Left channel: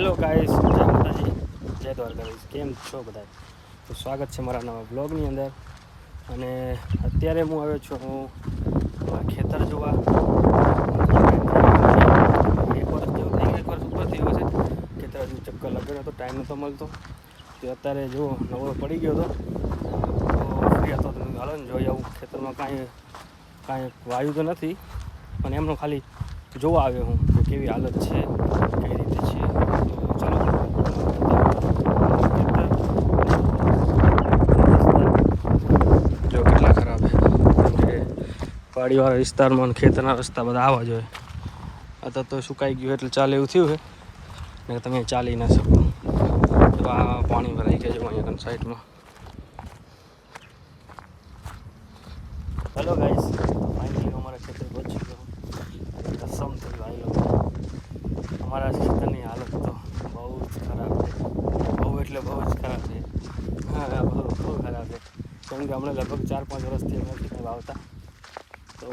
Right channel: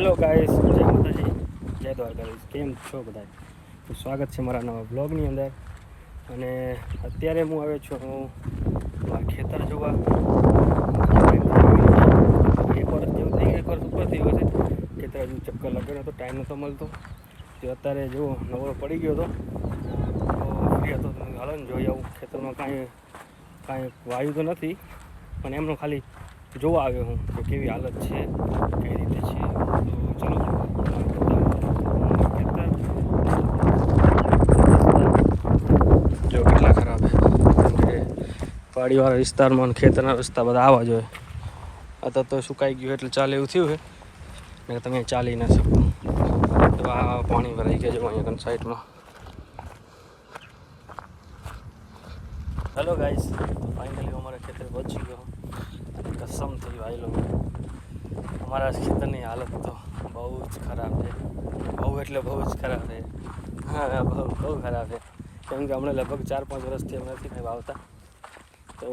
Hello guys, જય માતાજી, જય દ્વારકાધીશ. કેમ છો બધા? તો સ્વાગત છે મારા નવા બ્લોગની અંદર. અને અત્યારે હું આવ્યો છું ખેતર જોવા. એક વર્ષ જેવું થઈ ગયું, એક વર્ષ ઉપર થઈ ગયું છે. ખેતર હજુ ચક્કર લગાવ્યો તો ટાઈમ નહોતો મળતો. તો અત્યારે જો નવરો પડી ગયો હતો તો ફ્રી હતો તો હાલો ને જોઈ આવું. ખેતરમાં કાંઈ વાયુ તો નથી, પણ એમનો ખાલી જોવા આવ્યો હું કે કેવી હાલત છે, કઈ રીતે છે. જો કેટલા ખરાબ છે, કેમ કે પાડીવાળા વિસ્તારમાં ખેતરના રસ્તા બધા આવવા જોઈએ. અત્યારે તો સુકાઈ ગયું એટલે ચાલે એવું થયું છે ને તમે ચાલી ના શકો. તો આ પાણી ભરાઈ ગયા જો અહીંયા સાઈડમાં. હેલો ગાઈસ, તો ફાઇનલી અમારા ખેતર પહોંચી ગયો અને કસમથી ભાઈ લોકો અમારા ખેતરની હાલત તો બહુ જ ખરાબ છે. બહુ એટલે બહુ જ ખરાબ છે. હા, બહુ ખરાબ છે. કેમ કે હમણાં લગભગ 4-5 વર્ષથી અમે નથી કંઈ વાવતા. તો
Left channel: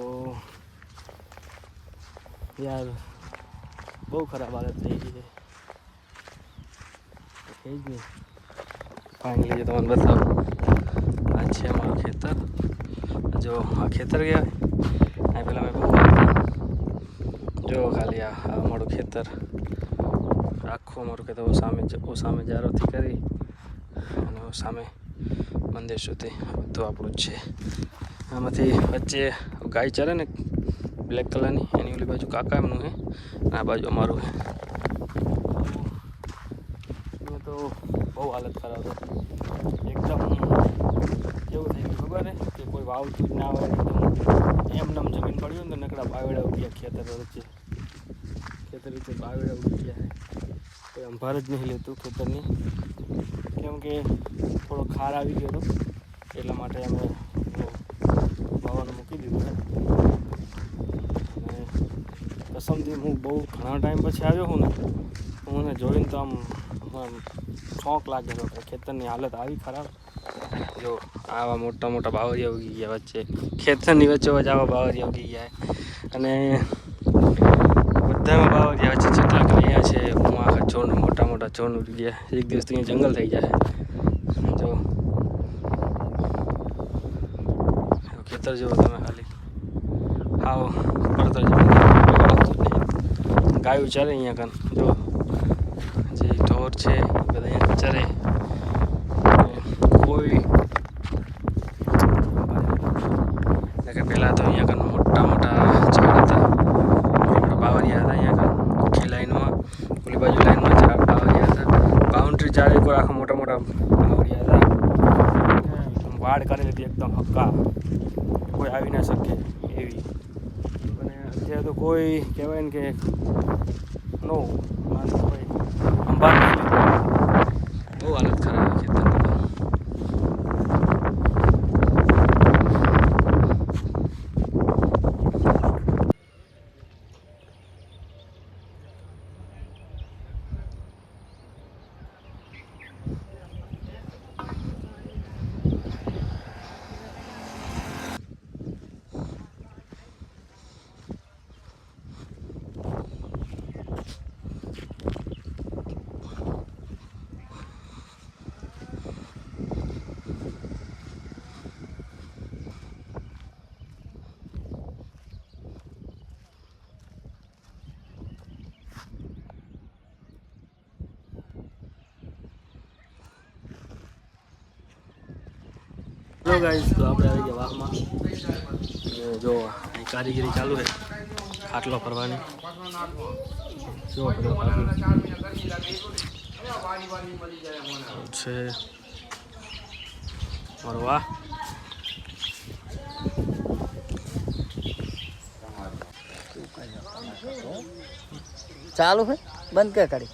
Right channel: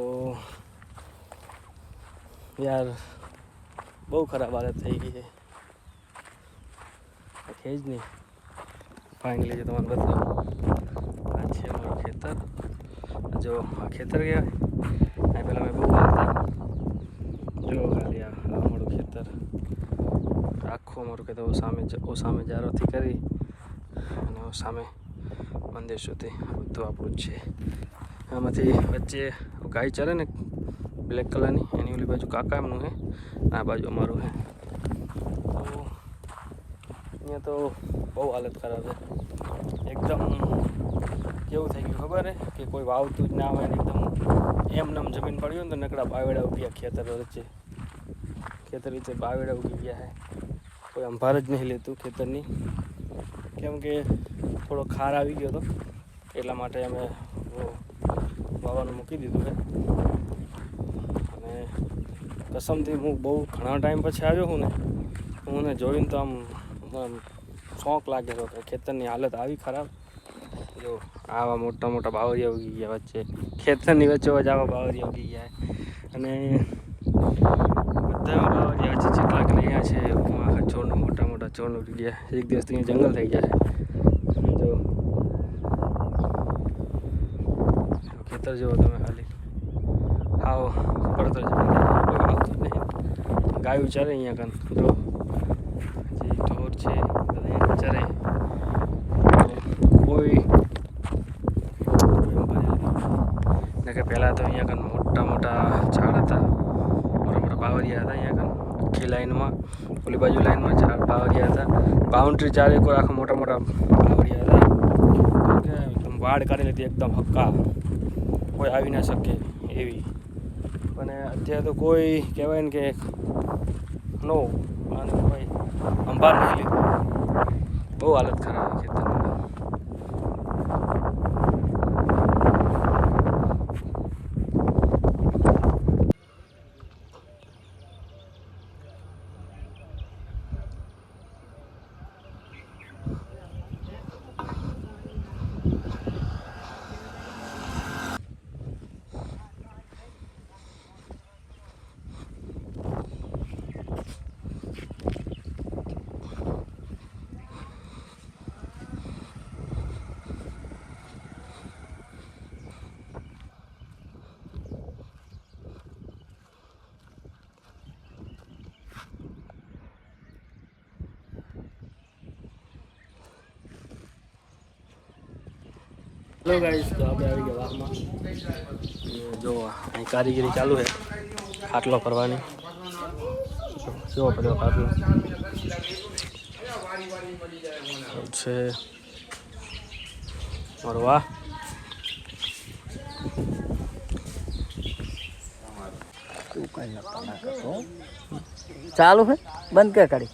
યાર બહુ ખરાબ હાલત થઈ ગઈ છે. છે જ નહીં. ફાઇનલી તમને બતાવું, આ છે અમારું ખેતર. જો આ ખેતર કહેવાય. આ પહેલાં મેં બહુ વાવતા. જો ખાલી આ અમારું ખેતર આખું અમારું ખેતર સામે જારોથી કરી અને સામે મંદિર સુધી બધું આપણું જ છે. આમાંથી વચ્ચે ગાય ચરે ને બ્લેક કલરની, એની ઓલી બાજુ કાકા એમનું છે, આ બાજુ અમારું છે. અહીંયા તો બહુ હાલત ખરાબ છે. એકદમ કેવું થઈ ગયું ખબર છે કે કોઈ વાવતું જ ના હોય ને એકદમ એમ જમીન પડ્યું ને તો નકડા બાવેડા ઉગી ગયા ખેતર વચ્ચે બાવેડા ઉગી ગયા છે. કોઈ અંભાર જ નહીં લેતું ખેતરની. કેમ કે થોડો ખાર આવી ગયો હતો એટલા માટે અમે વાવવાનું મૂકી દીધું છે. અને કસમથી હું બહુ ઘણા ટાઈમ પછી આવ્યો હું ને, હું ને જોઈને તો આમ શોખ લાગેલો કે ખેતરની હાલત આવી ખરાબ. જો આવા મોટા મોટા બાવરિયા ઉગી ગયા વચ્ચે, ખેતરની વચ્ચે આવા બાવરિયા ઉગી ગયા. અને બધામાં બાવરિયા વચ્ચે જેટલા અહીંયા છે હું આખા છોડ મોટા છોડ ઉગી ગયા. એક દિવસ તો અહીંયા જંગલ થઈ જાય. જો ખેતર જુઓ તમે ખાલી, હાવ પડતર જેવું આવતું જ નહીં. ગાયું ચાલે અહીંયા કાન, જો જે ઢોર છે બધા અહીંયા ચરે. કોઈ પહેલાં તો અહીંયા કાન મોટા ઝાડ હતા, મોટા બાવરિયા હતા. અહીંયા કાન આખી લાઈનમાં, ઓલી બાજુ લાઈનમાં ઝાડ બાવરિયા હતા. બાઉન્ડ્રી ચારે કોઈ આખા મોટા બાવરિયા હતા. વાડ કરેલી હતી એકદમ હક્કા, કોઈ આવી ના શકે એવી. અને અત્યારે તો કોઈ કહેવાય ને કે નો અને કોઈ અંબાર નહીં લીધું. બહુ હાલત ખરાબ ખેતરની. હેલો ગાઈસ, તો આપણે આવી ગયા વાહમાં. જો અહીં કારીગરી ચાલુ છે ખાટલો કરવાની. કેવો પડ્યો ખાટલો છે મારો. વાહ, ચાલુ છે, બંધ ક્યાં કરી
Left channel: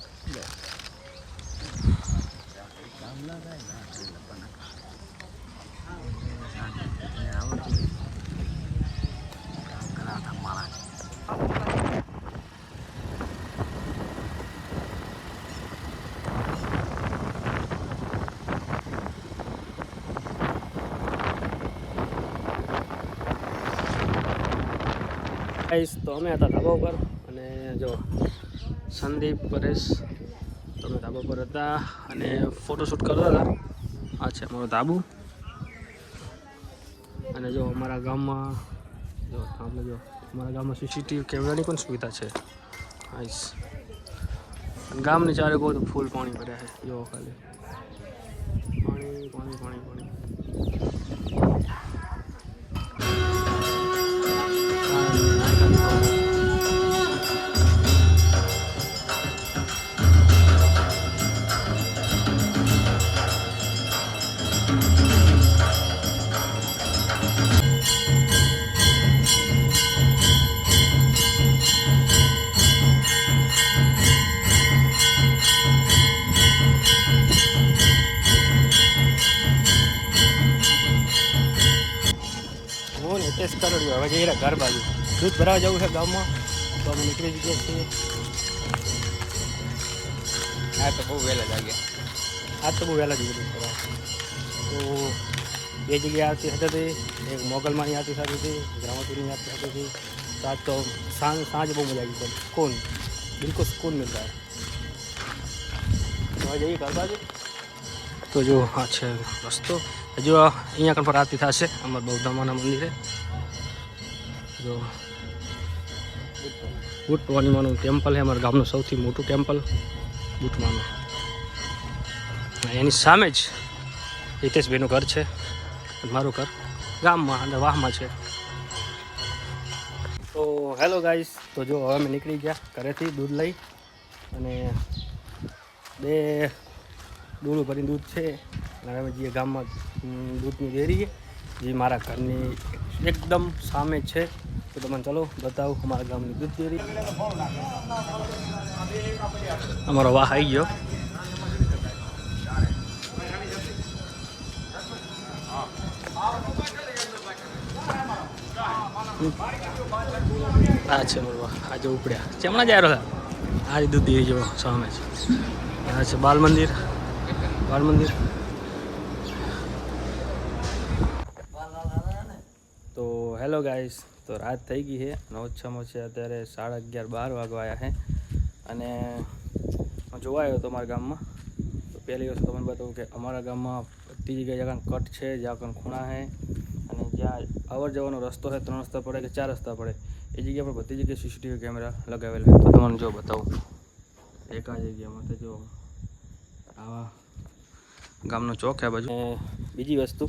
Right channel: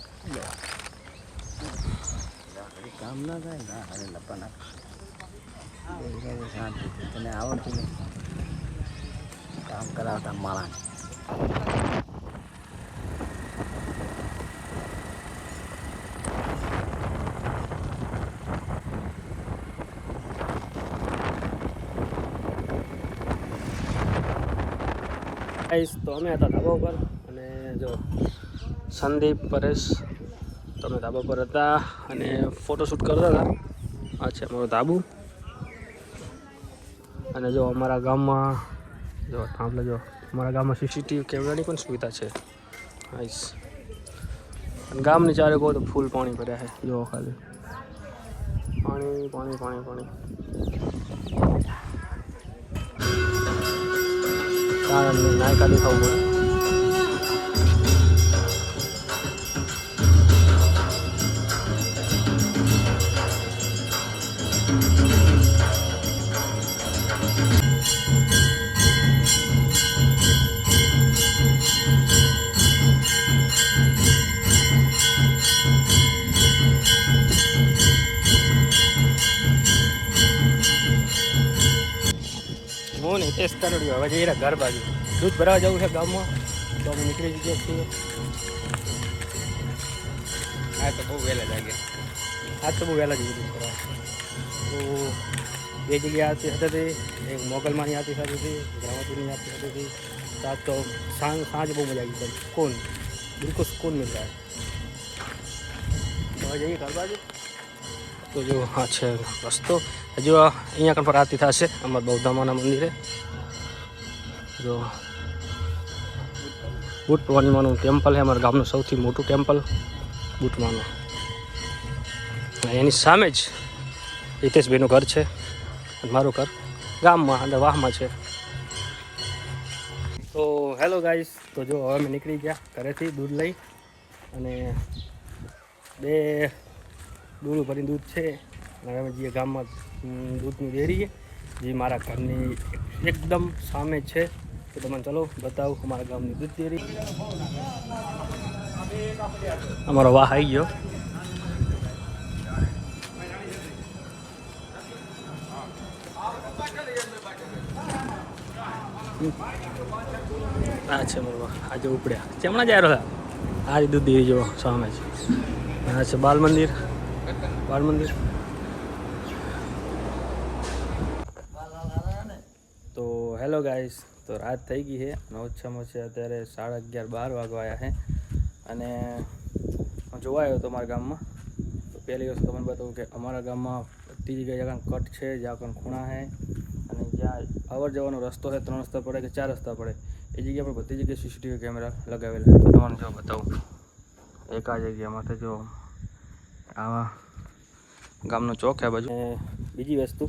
તને આવડતું કામ કરાવતા માળાને. ગાઈસ, તો અમે હતા ધાબા ઉપર અને જો સંદીપ, પરેશ ધાબા પર હતા અને ફોટોશૂટ કરતા હતા. આ છે અમારું ધાબુ. અને જો અમારા ગામમાં જો આપણે જો અમારા ગામમાં સીસીટીવી કેમેરાની પણ સુવિધા છે. હાઈસ ગામની ચારે કહો તો ફૂલ પાણી ભર્યા છે. જો ખાલી પાણી પાણી પાણી પાણી. નાયકા દેખાવું હું ને ટેસ્ટ કરોડ્યો. હવે જઈએ ઘર બાજુ દૂધ ભરાવા જવું છે ગામમાં, તો અમે નીકળી ગયા છીએ. આ તો બહુ વહેલા જાગ્યા. આજ તો બહુ વહેલા જઈએ દૂધ ભરાવા. તો બે જગ્યાએ આરતી હતી. એક મોગલમાંની આરતી થતી હતી, ગ્રામતીની આરતી થતી હતી. તો આજ તો સાંજ બહુ મજા આવી. एकदम सुकून, बिल्कुल सुकून मिल रहा है. તો જઈએ ઘર બાજુ. તો જો આ છે રસ્તો. હજુ અહીંયા કણ પર આરતી થશે અમારા બૌદ્ધામાના મંદિરે. જો બુટ પૂર્ણિમાનું ટેમ્પલ છે અમારા ગામનું સૌથી મોટું ટેમ્પલ બુટમાનું. એની સામે જ હિતેશભાઈનું ઘર છે અને મારું ઘર ગામમાં અંદર વાહમાં છે. તો હેલો ગાઈસ, તો જો હવે અમે નીકળી ગયા ઘરેથી દૂધ લઈ, અને 2 ડોલું ભરીને દૂધ છે. અને હવે અમે જઈએ ગામમાં દૂધની ડેરીએ, જે મારા ઘરની એકદમ સામે જ છે. તો તમને ચલો બતાવું અમારા ગામની દૂધ ડેરી. અમારો વાહ આવી ગયો. આ છે અમારો વાહ. આજે ઉપડ્યા ચેમણા જાય રહ્યા. આ દૂધ ડેરી જો સામે છે. આ છે બાલ મંદિર. તો હેલો ગાઈસ, તો રાત થઈ ગઈ છે અને ઓછામાં ઓછા અત્યારે 11:30-12 વાગવા આવ્યા છે. અને હું જોવા આવ્યો હતો અમારા ગામમાં. તો પહેલી વસ્તુ તમને બતાવું કે અમારા ગામમાં બધી જગ્યાએ જ્યાં કટ છે, જ્યાં પણ ખૂણા છે, અને જ્યાં અવર જવાનો રસ્તો છે, 3 રસ્તા પડે કે 4 રસ્તા પડે, એ જગ્યા પર બધી જગ્યાએ સીસીટીવી કેમેરા લગાવેલા છે. તો તમને જો બતાવું એક આ જગ્યામાં. તો જો આવા ગામનો ચોક છે આ બાજુ. અને બીજી વસ્તુ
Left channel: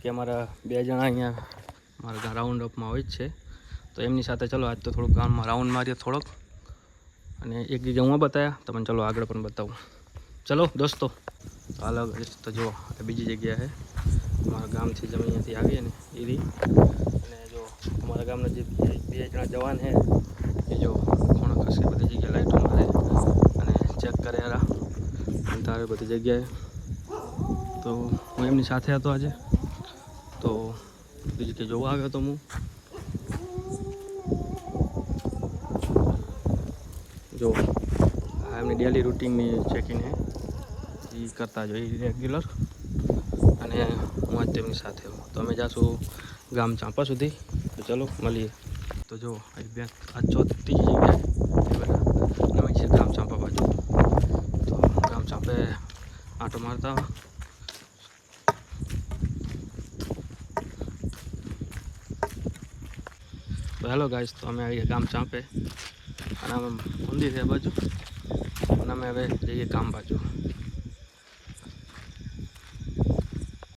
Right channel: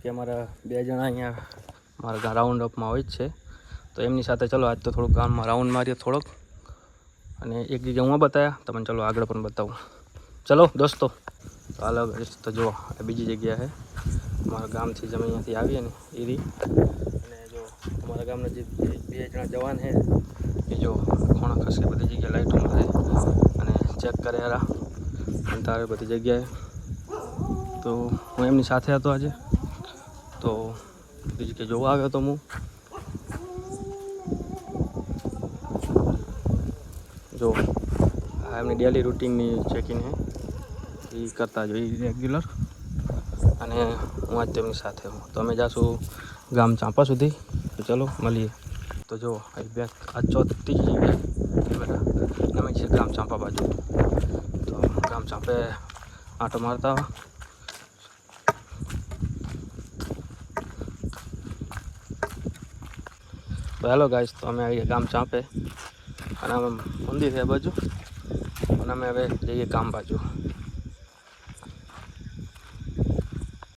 કે અમારા 2 જણા અહીંયા મારા રાઉન્ડ અપમાં હોય જ છે. તો એમની સાથે ચલો આજ તો થોડુંક ગામમાં રાઉન્ડ મારીએ થોડોક. અને એક જગ્યા હું બતાવ્યા તમને, ચલો આગળ પણ બતાવું. ચલો દોસ્તો અલગ. તો જો આ બીજી જગ્યા છે અમારા ગામથી, તમે અહીંયાથી આવીએ ને એ રીત. અને જો અમારા ગામના જે 2 જણા જવાન છે એ જો ખૂણા ખસે બધી જગ્યાએ લાઈટ કરે અને ચેક કરે યાર અંતરે બધી જગ્યાએ. તો હું એમની સાથે હતો આજે. તો બીજી કે જોવા આવ્યો તો હું. જો આ એમની ડેલી રૂટીનની ચેકિંગ છે, એ કરતા જોઈએ રેગ્યુલર. અને હું આજ તેમની સાથે હું. તો અમે જાશું ગામ ચાંપા સુધી. તો ચલો મળીએ. તો જો આજ 4જી જગ્યા અમે છીએ ગામ ચાંપા બાજુ. તો ગામ ચાંપે આંટો મારતા. તો હેલો ગાઈસ, તો અમે આવી ગામ ચાંપે અને અમે મંદિર છે બાજુ, અને અમે હવે જઈએ ગામ બાજુ.